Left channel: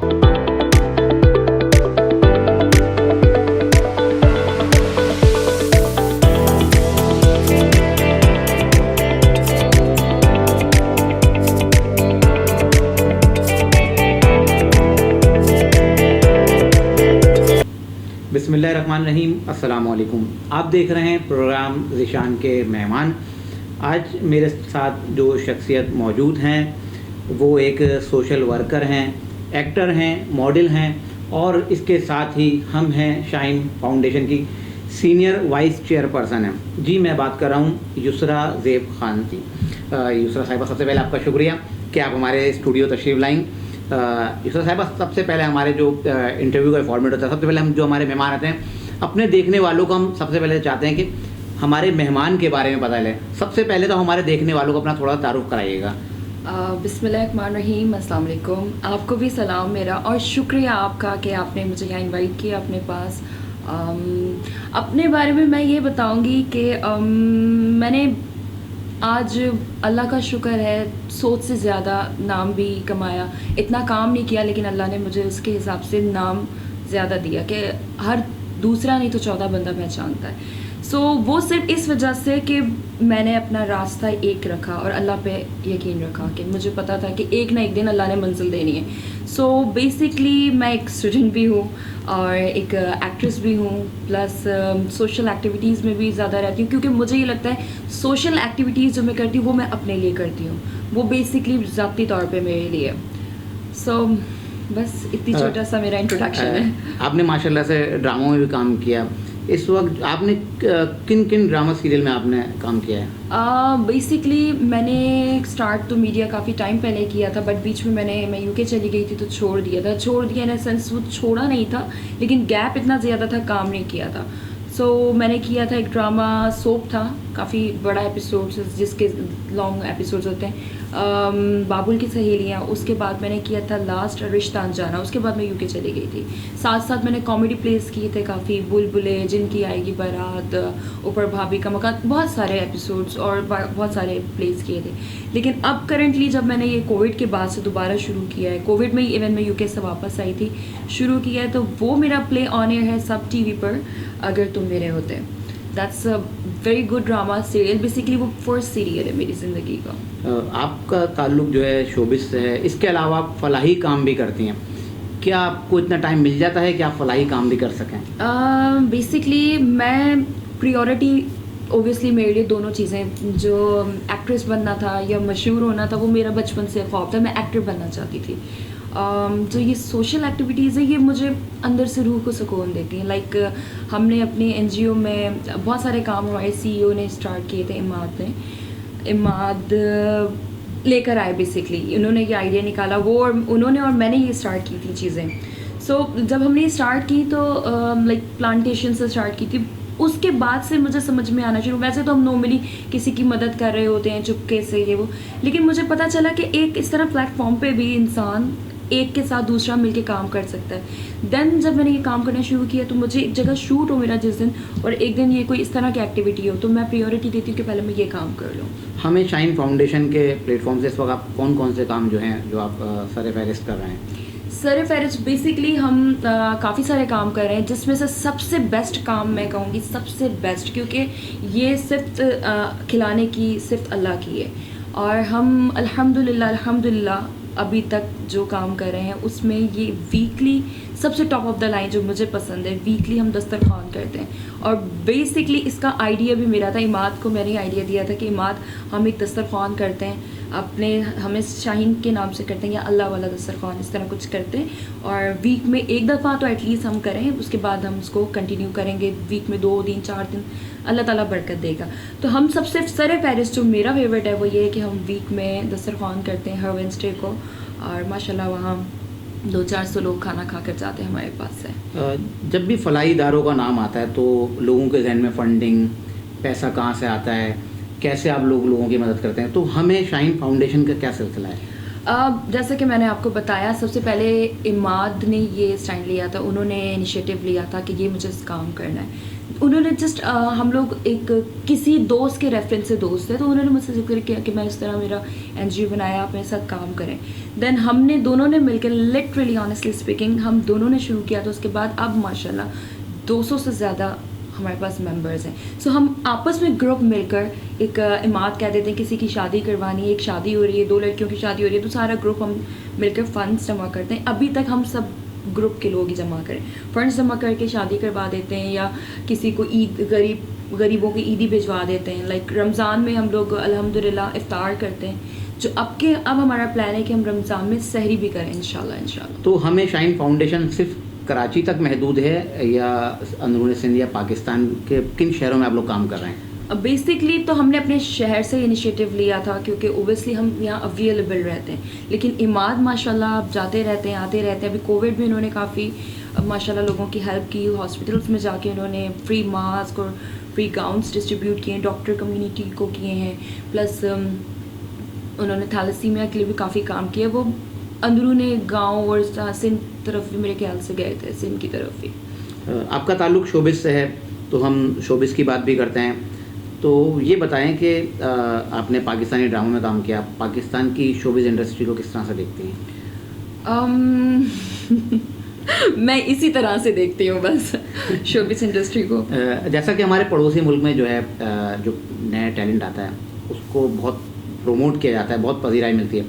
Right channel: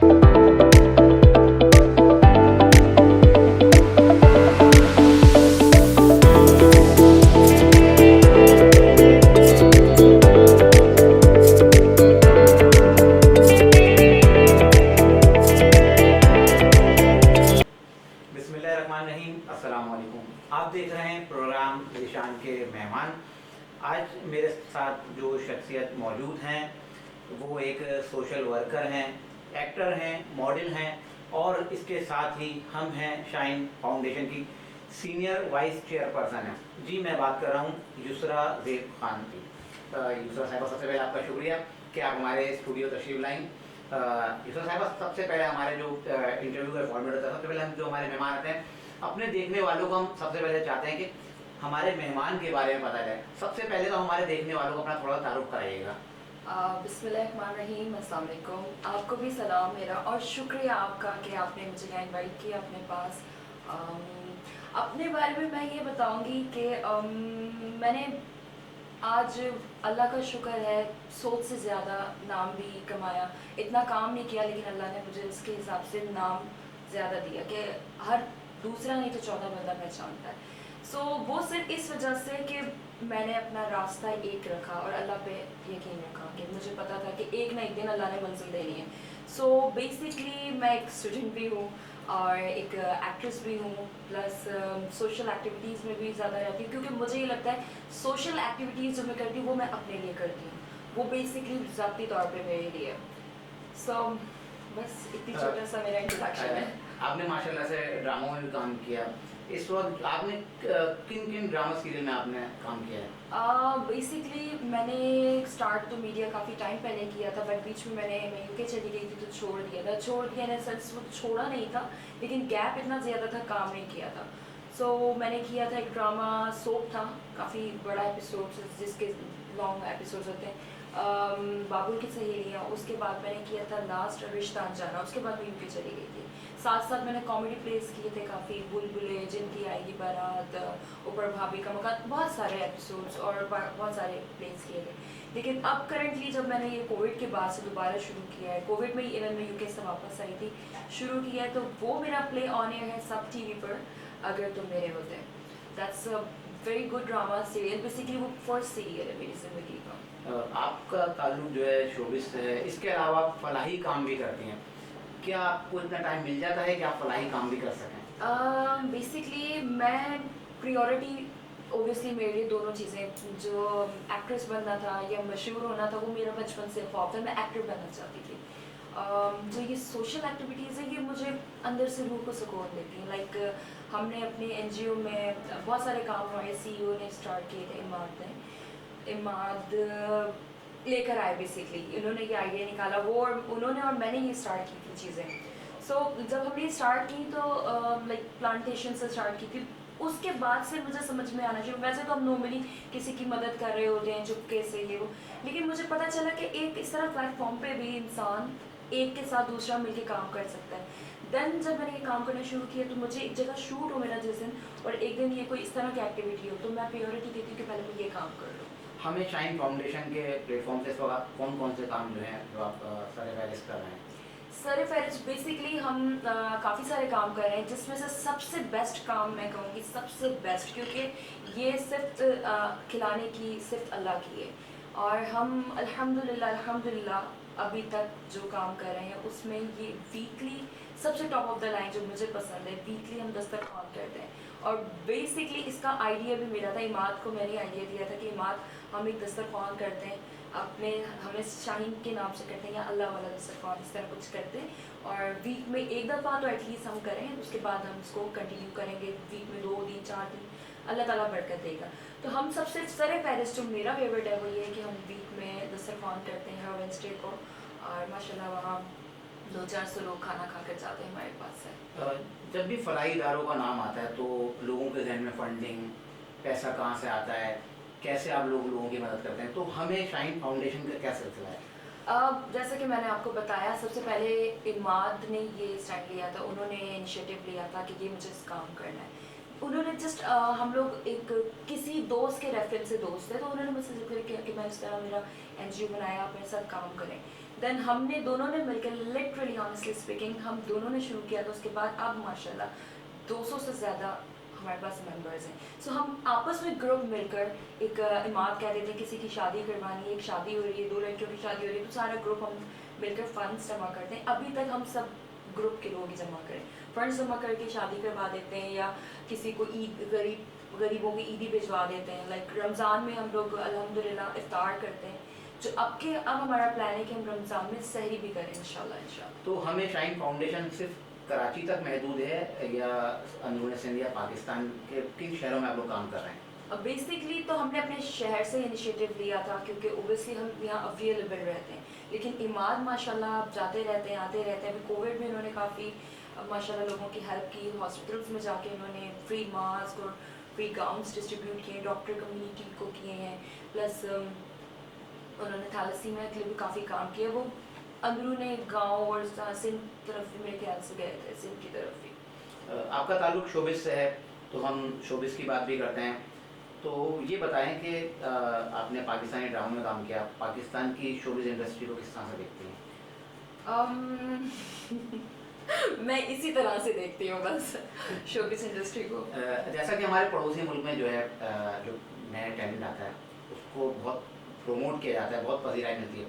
बिस्मिल्लाहिर्रहमानिर्रहीम, अस्सलाम वालेकुम। आप देख रहे हैं प्रोग्राम ज़ीशान के मेहमान। आज मेरे साथ जो शख्सियत मौजूद हैं वो एक सोशल वर्कर हैं, एक्टर हैं, मॉडल हैं और इसके साथ ही हम हैं शाइन फाउंडेशन की सीनियर वाइस चेयरपर्सन हैं। जी, मैं बात कर रहा हूँ युसरा ज़ेब खान की। युसरा साहिबा, सबसे पहले आपका शुक्रिया कि आप हमारे स्टूडियो तशरीफ़ लाएँ। युसरा साहिबा, सबसे पहले हमारे जो इंटरव्यू का फॉर्मेट होता है, सबसे पहले हम जो हमारे मेहमान आते हैं अपने देखने वालों को हम सबसे पहले चाहते हैं कि हमारे मेहमान के बारे में पता चले। सबसे पहले तो हमारे देखने वालों को अपना थोड़ा तारुफ कराइएगा। बिस्मिल्लाहिर्रहमानिर्रहीम, अस्सलाम वालेकुम। आपको भी सलाम मेरा और शुक्रिया आपका कि आपने मुझे यहाँ इनवाइट किया अपने पास। अपने बारे में मैं ये बताऊंगी कि मैंने आज अल्लाह का शुक्र है सोच से ज़्यादा नाम भी कमाया। इतना काम नहीं किया लेकिन अल्लाह ने मुझे उसके हिसाब से नाम ज़्यादा दिया कि हर दूसरा नहीं तो चौथा बंदा पहचानता है। वो सिर्फ इस वजह से कि मैंने अपना रास्ता एक रखा और अल्लाह पे यकीन रखा कि मुझे पता था कि एक ना एक दिन अल्लाह ने मंजिल देनी है। बेसिकली मैं एक स्टूडेंट भी हूँ और एक एक्ट्रेस भी हूँ, प्लस सोशल एक्टिविटीज़ में भी ज़्यादा रहती हूँ क्योंकि मुझे ये लगता है सोशल एक्टिविटीज़ जो मैं करती हूँ वो मैं अपने लिए करती हूँ, वो बेसिकली ज़ाती तौर पे मेरे लिए। बस इतनी छोटा सा मेरा इंट्रोडक्शन है। आपने माशाल्लाह से ड्रामों में भी काम किया। इस वक्त आपने किन किन ड्रामा सीरियल में आपने काम किया है? बेसिकली मैंने स्टार्ट तो मीडिया काफ़ी टाइम पहले किया था, बट बीच में मैं यूके चली गई थी तो छोड़ दिया इन सेंस वो छोड़ा नहीं था लेकिन गैप इतना ज़्यादा था, काम नहीं किया था। मैंने किया था एक ड्रामा सोप था, काफ़ी बड़ा एपिसोड जिसके लॉन्ग एपिसोड्स होते हैं, बाबुल की सहेलियाँ। उसके बाद मैंने किया था लास्ट रिश्ता अनजाना। उसके बाद मैं यूके चली गई थी। साथ साथ मैंने कॉमेडी प्लेस किए थे काफ़ी, बुलबुले, जिनकी आएगी बारात, ऊपर भाभी का मकान, बहुत सारे एपिसोड्स और बहुत सारे प्लेस किए थे। लेकिन अब करंटली जब मैंने ये कोविड के बाद से दोबारा शुरू किया है, कोविड में ही इवन मैं यूके से वापस आई थी, शुरू किया है, तो वो मेरा प्ले ऑन एयर है सब टीवी पर, अगर तुम मेरे होते। That's a very good drama serial. Basically वो फर्स्ट सीरियल है मेरी ज़िंदगी का। आपका ताल्लुक जो है शोबिस से है, इसके अलावा आप फलाही काम भी करती हैं। क्या आपको इतना टाइम मिल जाता है कि आप फलाही काम भी कर सकें? बेसिकली मैं प्रियोरिटी ओबियसली मेरे लिए दोनों चीज़ें, जो एक्ट्रेस बनना था या मशहूर होना था वो मेरा बचपन से ख्वाब था, मैं एक्टर बनना चाहती थी। जो ये सोशल एक्टिविटीज़ है ये मुझे अंदर से रूह को सुकून देती हैं। लाइक हमने अपने एनजीओ में बहुत सारे काम हमारे सीईओ ने स्टार्ट किए थे, इमाद लेकर आए। बेसिकली उन्होंने ये आइडिया निकाला, वो और उन्होंने और मैंने ये स्टार्ट की थी चीज़ें। जब हमने ये स्टार्ट की तो लाइक प्लांटेशन से स्टार्ट की थी। उसके बाद से मुझे समझ में आना शुरू, वैसे तो हम नॉर्मली किसी की मदद कर रहे होते हैं चुपके से ये वो, लेकिन मुझे पता चला कि एक इस तरह प्लेटफॉर्म पे भी इंसान एक के साथ दूसरा मिलके काम कर सकता है। देन जब मैंने ये काम करना शुरू किया तो मुझे एक जगह शूट हो मेरा जिस दिन, और एक दिन ये कोई इस तरह की एक्टिविटी हो, तो मैं प्रायोरिटी देती हूँ कि पहले मैं ये काम कर लूँ। हमें शाइन फाउंडेशन के प्लेटफॉर्म से इस वक्त आप कौन कौन से काम जो हैं जो आप सर फहरिस्त कर रहे हैं? सर फहरिस्त बेसिकली हम काफ़ी सारे काम कर रहे हैं, जिसमें से सबसे बेस्ट काम मैं कहूँगी, सबसे बेस्ट, क्योंकि ये सिर्फ खिलाने की सिर्फ अल्लाह की है, और हम अल्हम्दुलिल्लाह अभी तक जो काम कर रहे हैं उसमें ये वीकली सबसे टॉप ऑफ द लाइन जो मुझे पसंद है, वीकली हम दस्तरखान करते हैं। और बेसिकली इसका आइडिया भी मेरा था, इमाद को मैंने आइडिया दिया था कि इमाद हम एक दस्तरखान करते हैं अपने, हमें शाहीन के नाम से करते हैं या अल्लाह वाला दस्तरखान, इस तरह कुछ करते हैं, और वीक में एक दफ़ा तो एटलीस्ट हम करें, उसके बाद हम उसको कंटिन्यू करेंगे वीक में 2 दिन 4 दिन, अल्लाह ताला बरकत देगा। तो हम सबसे सर फहरिस्त जो मेरा फेवरेट है वो ये है कि हम वीक में दस्तरखान करते हैं हर वेडनेसडे को, और माशाल्लाह वहाँ 200-400 लोग खाना खा कर जाते हैं हमारे पास से। जब भी फलाही इदारों का नाम आता है तो लोगों के जहन में फंडिंग, पैसा कहाँ से आता है, कैसे आप लोगों की मदद करते हैं, तो हमें शाइन फाउंडेशन का क्या सिलसिला है? जैसा कि मैंने आपको बताया, सबसे पहले इमाद ने ये स्टैंड लिया था, उन्होंने इनिशिएटिव लिया था कि ये मुझे काम करना है। उन्होंने जस्ट हम लोग एक किसी दोस्त के रेफरेंस से दोस्त थे, तो उन्होंने मुझसे ज़िक्र किया कि मैं इस तरह मेरा एनजीओ बनाया, आप मेरे साथ काम करें। देन हमने दोनों ने मिलकर, लिटरली ऑनेस्टली स्पीकिंग, हम दोनों ने शुरू किया। तो उसके बाद अब माशाल्लाह 200 से ज़्यादा हमारे पास मेंबर्स हैं। सो हम आपस में ग्रुप मिलकर, एक इमाद कह देते हैं किसी की शादी करवानी है, एक शादी हो रही है, 2 लड़कियों की शादी हो रही है, तो सारा ग्रुप हम मिलकर फ़ंड्स जमा करते हैं। अभी तक हम सब ग्रुप के लोग ही जमा करें, फंड्स जमा करके शादी करवा देते हैं, या किसी को ईद, गरीबों की ईदी भिजवा देते हैं। लाइक रमज़ान में हम लोग अल्हम्दुलिल्लाह इफ्तार करते हैं, जो अब हमारा प्लान है कि हम रमज़ान में सहरी भी करें इंशाल्लाह। तो हमें शाइन फाउंडेशन सिर्फ कराची तक महदूद है या अंदरूनी सिंध या पाकिस्तान के किन शहरों में आप लोग काम कर रहे हैं? बेसिकली तो हमने अपने शहर से इनिशिएटिव लिया था, क्योंकि ओबियसली हम यहाँ अवेलेबल रहते हैं। लेकिन इमाद माशाल्लाह आप जाते रहते हैं, आते रहते हैं। अभी कोविड में उन्होंने काफ़ी माशाल्लाह लोगों की हेल्प की, हॉस्पिटल्स में जाके उन्होंने फ्री मास्क और फ्री गाउन्स डिस्ट्रीब्यूट किए हैं, डॉक्टर कम्युनिटी को किए हैं। प्लस उन्होंने थैलेसीमिया के लिए भी काफ़ी काम किया। वो अंदरूनी गाँव और सिंध तरफ भी मेरे ख्याल से गए थे, सिंध की तरफ भी। आपका ताल्लुक़ शोबिस से है, तो हम शोबिस की बात भी करते हैं। तो ये बताएं कि आपने पाकिस्तानी ड्रामों में काम किया, पाकिस्तान की शोबिस इंडस्ट्री को किस तरह से देखती हैं? मैं इसी तरह से देखती हूँ बस शोबिस इंडस्ट्री को। जैसा कि हमारे पड़ोसी मुल्क में जो है जो नया टैलेंट आता है उसको बहुत प्रमोट किया जाता है, बहुत पजीराई मिलती है।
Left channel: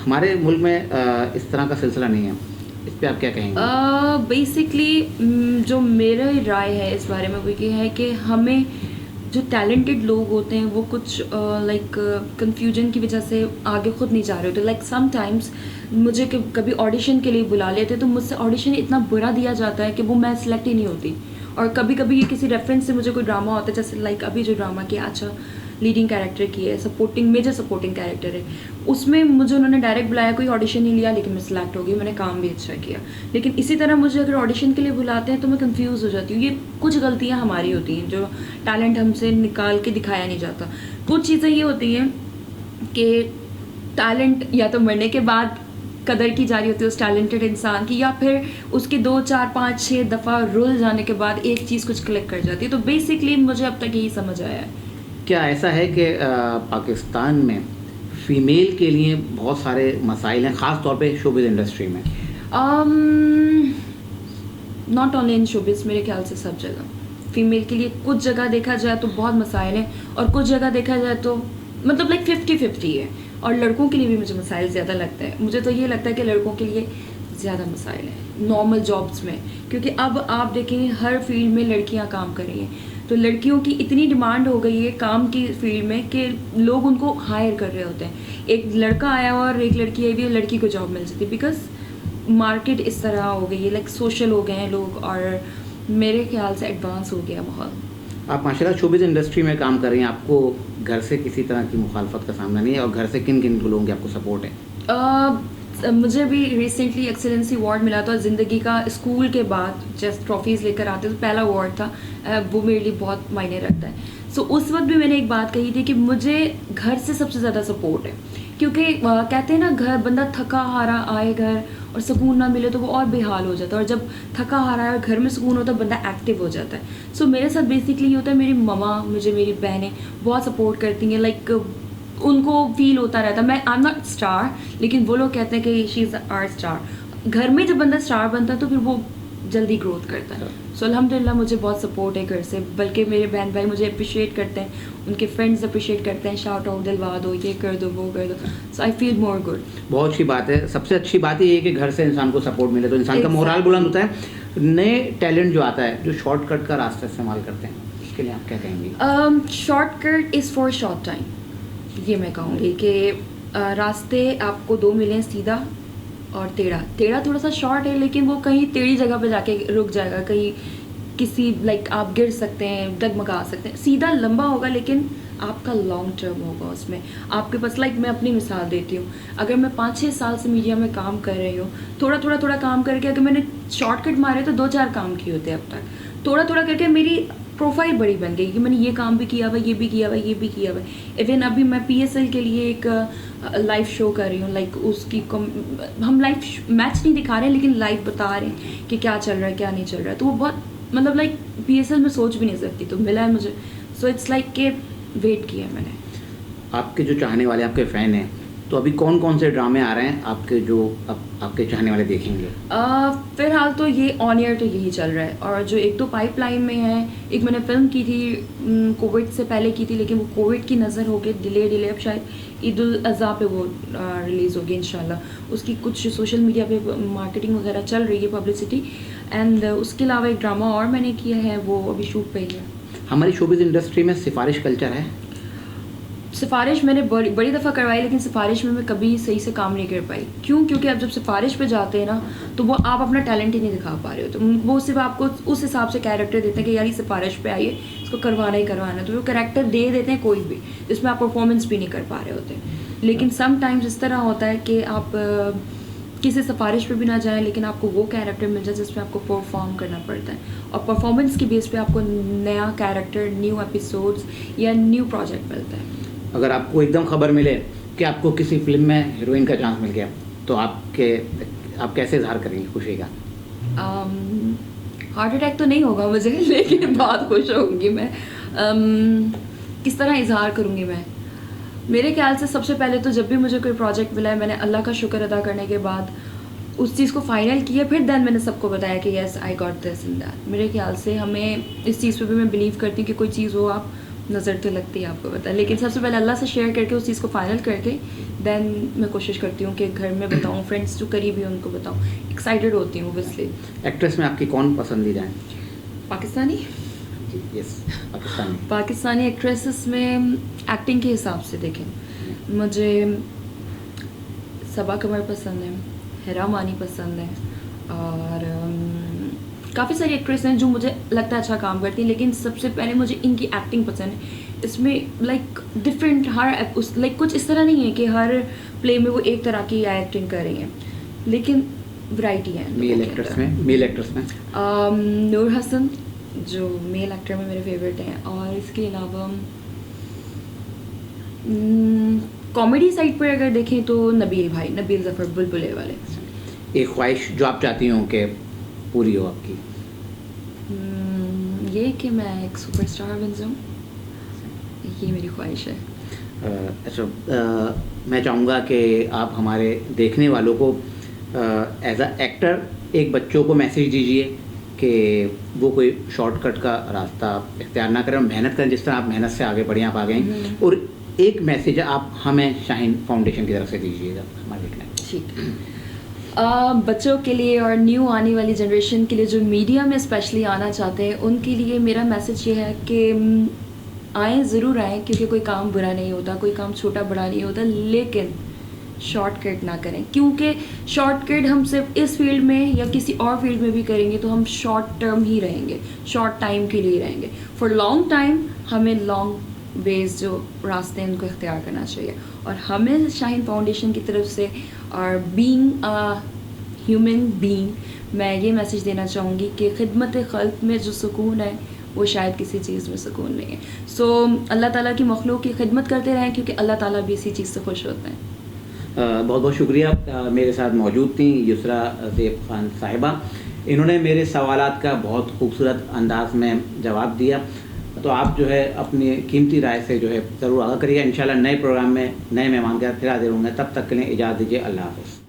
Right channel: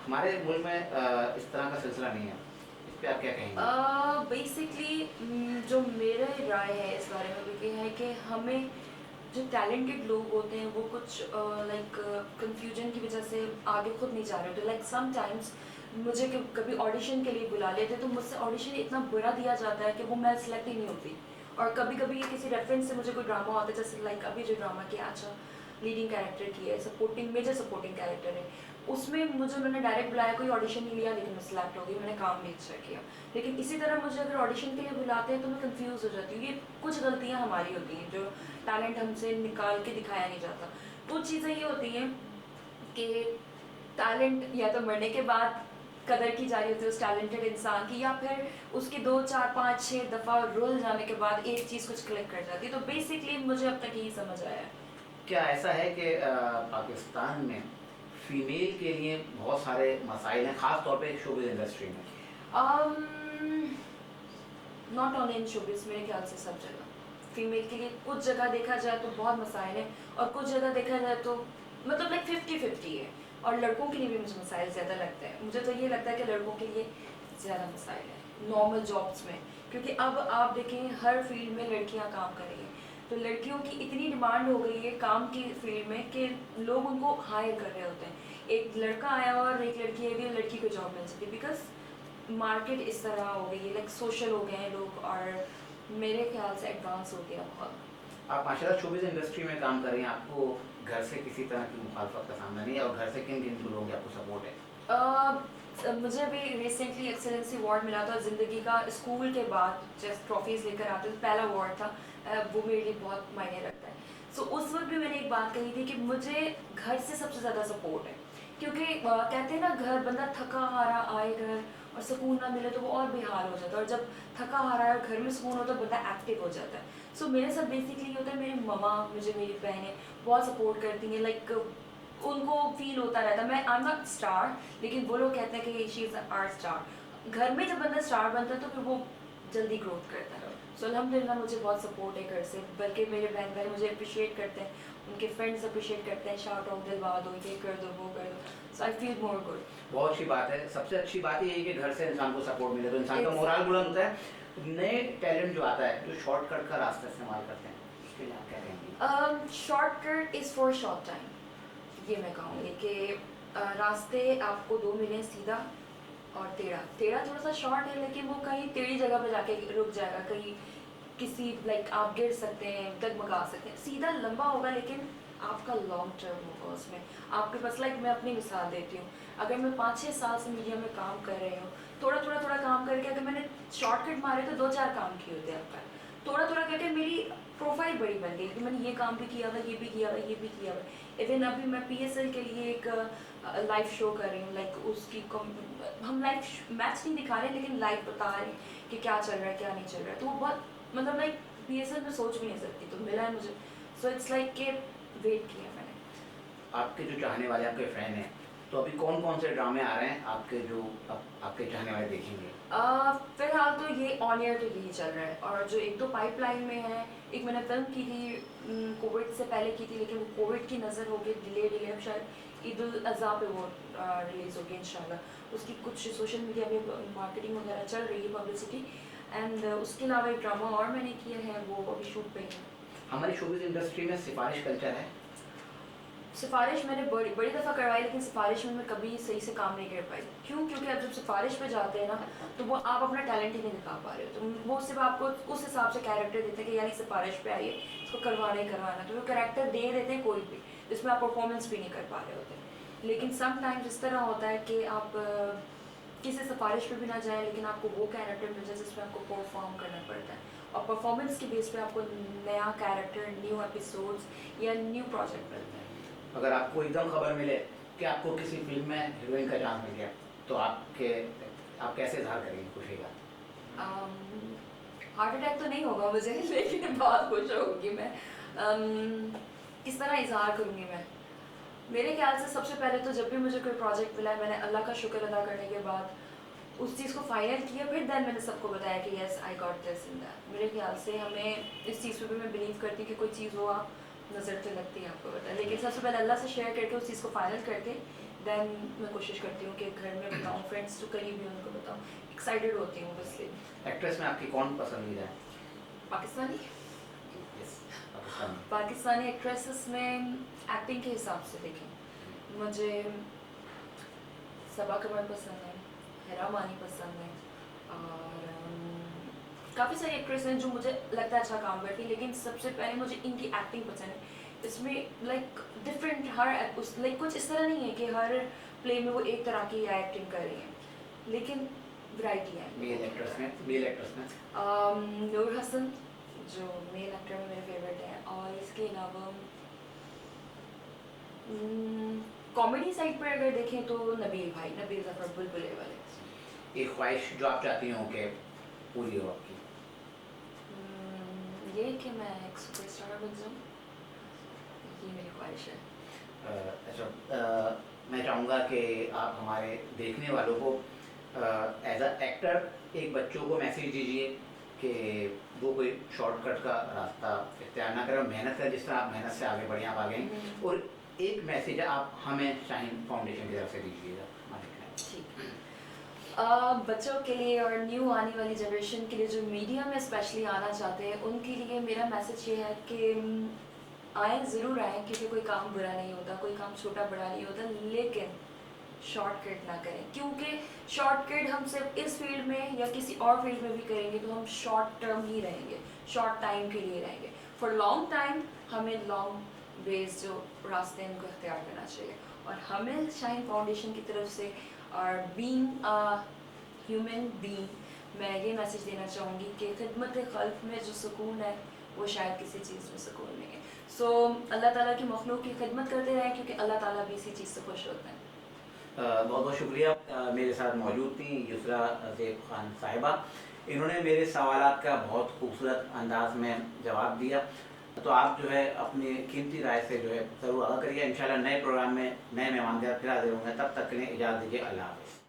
हमारे मुल्क में इस तरह का सिलसिला नहीं है, इस पे आप क्या कहेंगे? बेसिकली जो मेरी राय है इस बारे में वो ये है कि हमें जो टैलेंटेड लोग होते हैं वो कुछ लाइक कंफ्यूजन की वजह से आगे खुद नहीं जा रहे होते। लाइक समटाइम्स मुझे कभी ऑडिशन के लिए बुला लेते तो मुझसे ऑडिशन इतना बुरा दिया जाता है कि वो मैं सिलेक्ट ही नहीं होती। और कभी कभी ये किसी रेफरेंस से मुझे कोई ड्रामा होता है, जैसे लाइक अभी जो ड्रामा किया, अच्छा लीडिंग कैरेक्टर की है, मेजर सपोर्टिंग कैरेक्टर है, उसमें मुझे उन्होंने डायरेक्ट बुलाया, कोई ऑडिशन नहीं लिया, लेकिन मैं सिलेक्ट हो गई, मैंने काम भी अच्छा किया। लेकिन इसी तरह मुझे अगर ऑडिशन के लिए बुलाते हैं तो मैं कंफ्यूज हो जाती हूँ। ये कुछ गलतियाँ हमारी होती हैं, जो टैलेंट हमसे निकाल के दिखाया नहीं जाता। कुछ चीज़ें ये होती हैं कि टैलेंट या तो मरने के बाद कदर की जा रही होती है उस टैलेंटेड इंसान की, या फिर उसके 2, 4, 5, 6 दफ़ा रुल जाने के बाद एक चीज़ कुछ क्लिक कर जाती है। तो बेसिकली मुझे अब तक यही समझ आया है। क्या ऐसा है कि पाकिस्तान में फ़ीमेल के लिए बहुत सारे मसाइल हैं, ख़ास तौर पे शोबिज़ इंडस्ट्री में? नॉट ओनली इन शोबिज़, मेरे ख्याल से सब जगह फ़ीमेल के लिए कुछ जगह देखा जाए तो बहुत मसाइल हैं, और कुछ जगह देखा जाए तो मतलब लाइक 50-50 है। और लड़कों के लिए भी मुझे मसाइल ज़्यादा लगता है। मुझे तो ये लगता है कि लड़कों के लिए ज़्यादा मसाइल हैं नॉर्मल जॉब्स में, क्योंकि अब आप देखें हर फील्ड में लड़कियां काम कर रही हैं। तो लड़कियों की इतनी डिमांड हो गई है काम की फील्ड में कि लोग उनको हायर कर रहे होते हैं। एक लड़का आया और एक लड़की आई भी और लड़की को जॉब मिल जाती है, बिकॉज मार्केट इस तरह हो गई है, लाइक सोशल हो गए हैं लोग, और मेरे ख्याल से एडवांस हो गया माहौल। आप माशाल्लाह शोबिज़ इंडस्ट्री में काम कर रही हैं, आपको घर से किसी तरह की मुखालफत का सामना नहीं है, और घर से किन किन लोगों की आपको सपोर्ट है? मुझे भी रिसेंटली एक्सेलेंसी अवार्ड मिला था ज़िंदगी का। स्कूल के बाद जस्ट ट्रॉफीज़ लेकर आते तो पहला अवार्ड था, वो मेरे लिए बहुत मायने रखता है। सो उस वक्त भी मैंने एक बात कही थी कि मुझे घर से सबसे ज़्यादा सपोर्ट है, क्योंकि कहते हैं ना, घर बंदा थका हारा आए घर और सुकून ना मिले तो वो और बेहाल हो जाता है, और जब थका हारा है और घर में सुकून होता है बंदा एक्टिव हो जाता है। सो मेरे साथ बेसिकली होता है, मेरी ममा मुझे, मेरी बहनें बहुत सपोर्ट करती हैं। लाइक उनको फील होता रहता है, मैं आई एम नॉट स्टार, लेकिन वो लोग कहते हैं कि शी इज़ आवर स्टार। घर में जब बंदा स्टार बनता है तो फिर वो जल्दी ग्रोथ करता है। सो अल्हम्दुलिल्लाह मुझे बहुत सपोर्ट है घर से, बल्कि मेरे बहन भाई मुझे अप्रिशिएट करते हैं, उनके फ्रेंड्स अप्रिशिएट करते हैं, शाउट आउट दिलवा दो, ये कर दो, वो कर दो। सो आई फील मोर गुड। बहुत अच्छी बात है। सबसे अच्छी बात ये है कि घर से इंसान को सपोर्ट मिले तो इंसान का मोरल बुलंद होता है। नए टैलेंट जो आता है, जो शॉर्टकट का रास्ता इस्तेमाल करते हैं, उसके लिए आप क्या कहेंगी? Shortcut is for short time, ये मैं कहूँगी कि रास्ते आपको 2 मिले, सीधा और टेढ़ा थोड़ा सा शॉर्ट है, लेकिन वो कहीं टेढ़ी जगह पे जाके रुक जाएगा, कहीं किसी लाइक आप गिर सकते हैं, डगमगा सकते हैं। सीधा लंबा होगा लेकिन आपका लॉन्ग टर्म होगा उसमें आपके पास। लाइक मैं अपनी मिसाल देती हूँ, अगर मैं 5-6 साल से मीडिया में काम कर रही हूँ, थोड़ा काम करके अगर मैंने शॉर्टकट मारे तो 2-4 काम किए होते हैं अब तक। थोड़ा करके मेरी प्रोफाइल बड़ी बन गई कि मैंने ये काम भी किया हुआ, ये भी किया हुआ, ये भी किया हुआ। इवन अभी मैं PSL के लिए एक लाइव शो कर रही हूँ, लाइक उसकी हम लाइव मैच नहीं दिखा रहे हैं लेकिन लाइव बता रहे हैं कि क्या चल रहा है क्या नहीं चल रहा है। तो वो बहुत मतलब लाइक PSL में सोच भी नहीं सकती, तो मिला है मुझे। सो इट्स लाइक के वेट किया है मैंने। आपके जो चाहने वाले, आपके फ़ैन हैं, तो अभी कौन कौन से ड्रामे आ रहे हैं आपके जो आपके चाहने वाले देखेंगे? फ़िलहाल तो ये ऑन एयर तो यही चल रहा है, और जो एक दो पाइपलाइन में है, एक मैंने फ़िल्म की थी कोविड से पहले की थी, लेकिन वो कोविड की नज़र हो गई, डिले अब शायद ईद उल अज़हा पे वो रिलीज़ होगी इंशाल्लाह। उसकी कुछ सोशल मीडिया पे मार्केटिंग वगैरह चल रही है, पब्लिसिटी। एंड उसके अलावा एक ड्रामा और मैंने किया है, वो अभी शूट पे ही है। हमारी शोबिज़ इंडस्ट्री में सिफारिश कल्चर है? सिफारिश मैंने बड़ी दफ़ा करवाई, लेकिन सिफारिश में मैं कभी सही से काम नहीं कर पाई। क्यों? क्योंकि आप जब सिफारिश पे जाते हैं ना, तो वो आप अपना टैलेंट ही नहीं दिखा पा रहे हो। तो वो सिर्फ आपको उस हिसाब से कैरेक्टर देते हैं कि यार ये सिफारिश पे आई है, इसको करवाना ही करवाना है। तो वो कैरेक्टर दे देते हैं कोई भी, जिसमें आप परफॉर्मेंस भी नहीं कर पा रहे होते। लेकिन सम टाइम्स इस तरह होता है कि आप किसी सिफारिश पे भी ना जाएं, लेकिन आपको वो कैरेक्टर मिल जाए जिसमें आपको परफॉर्म करना पड़ता है, और परफॉर्मेंस की बेस पे आपको नया कैरेक्टर, न्यू एपिसोड्स या न्यू प्रोजेक्ट मिलता है। अगर आपको एकदम खबर मिले कि आपको किसी फिल्म में हीरोइन का चांस मिल गया, तो आप कैसे इजहार करेंगे खुशी का? हार्ट अटैक तो नहीं होगा मुझे, लेकिन बहुत खुश होंगी मैं। किस तरह इजहार करूँगी मैं? मेरे ख्याल से सबसे पहले तो जब भी मुझे कोई प्रोजेक्ट मिला है, मैंने अल्लाह का शुक्र अदा करने के बाद उस चीज़ को फाइनल किया, फिर देन मैंने सबको बताया कि yes I got this and that. मेरे ख्याल से हमें इस चीज़ पे भी मैं बिलीव करती हूँ कि कोई चीज़ हो, आप नज़र तो लगती है आपको पता है, लेकिन सबसे पहले अल्लाह से शेयर करके उस चीज़ को फाइनल करके देन मैं कोशिश करती हूँ कि घर में बताऊँ, फ्रेंड्स जो करीबी हैं उनको बताऊँ। एक्साइटेड होती हूँ ऑब्वियसली। एक्ट्रेस में आपकी कौन पसंदीदा है? पाकिस्तानी यस, पाकिस्तानी। पाकिस्तानी एक्ट्रेसेस में एक्टिंग के हिसाब से देखें, मुझे सबा कमर पसंद है, हिरा मानी पसंद है, और काफ़ी सारी एक्ट्रेस हैं जो मुझे लगता है अच्छा काम करती हैं, लेकिन सबसे पहले मुझे इनकी एक्टिंग पसंद है। इसमें लाइक डिफरेंट लाइक कुछ इस तरह नहीं है कि हर प्ले में वो एक तरह की एक्टिंग कर रही हैं, लेकिन वैरायटी है। मेल एक्ट्रेस में नूर हसन जो मेल एक्टर में मेरे फेवरेट हैं, और इसके अलावा कॉमेडी साइड पर अगर देखें तो नबील ज़फ़र बुलबुले वाले। एक ख्वाहिश जो आप चाहती हो कि पूरी हो आपकी? ये कि मैं एक सुपरस्टार बन जाऊँ, ये मेरी ख्वाहिश है। मैं चाहूँगा कि आप हमारे देखने वालों को एज अ एक्टर एक बच्चों को मैसेज दीजिए कि वो कोई शॉर्टकट का रास्ता इख्तियार ना करें, मेहनत करें जिस तरह आप मेहनत से आगे बढ़े, आप आ गए। और एक मैसेज आप हमें शाहीन फाउंडेशन की तरफ से दीजिएगा हमारे देखने। ठीक है। बच्चों के लिए और न्यू आने वाली जनरेशन के लिए जो मीडिया में स्पेशली आना चाहते हैं, उनके लिए मेरा मैसेज ये है कि आएँ, ज़रूर आएँ, क्योंकि कोई काम बुरा नहीं होता, कोई काम छोटा बड़ा नहीं होता, लेकिन शॉर्टकट ना करें। क्योंकि शॉर्टकट हम सिर्फ इस फील्ड में या किसी और फील्ड में भी करेंगे तो हम शॉर्ट टर्म ही रहेंगे, शॉर्ट टाइम के लिए रहेंगे। फॉर लॉन्ग टाइम हमें लॉन्ग वेज जो रास्ते हैं उनको इख्तियार करना चाहिए। और हमें शाहीन फाउंडेशन की तरफ से और बीइंग अ ह्यूमन बीइंग, मैं ये मैसेज देना चाहूँगी कि खिदमत खल्क में जो सुकून है वो शायद किसी चीज़ में सुकून नहीं है। सो अल्लाह ताला की मखलूक की खिदमत करते रहें, क्योंकि अल्लाह ताला भी इसी चीज़ से खुश होते हैं। बहुत बहुत शुक्रिया। मेरे साथ मौजूद थी युसरा ज़ेब खान साहिबा। इन्होंने मेरे सवालात का बहुत खूबसूरत अंदाज में जवाब दिया। तो आप जो है अपनी कीमती राय से जो है ज़रूर आगाह करिए। इंशाल्लाह नए प्रोग्राम में नए मेहमान के साथ फिर हाजिर होंगे। तब तक के लिए इजाज़त दीजिए। अल्लाह हाफ़िज़।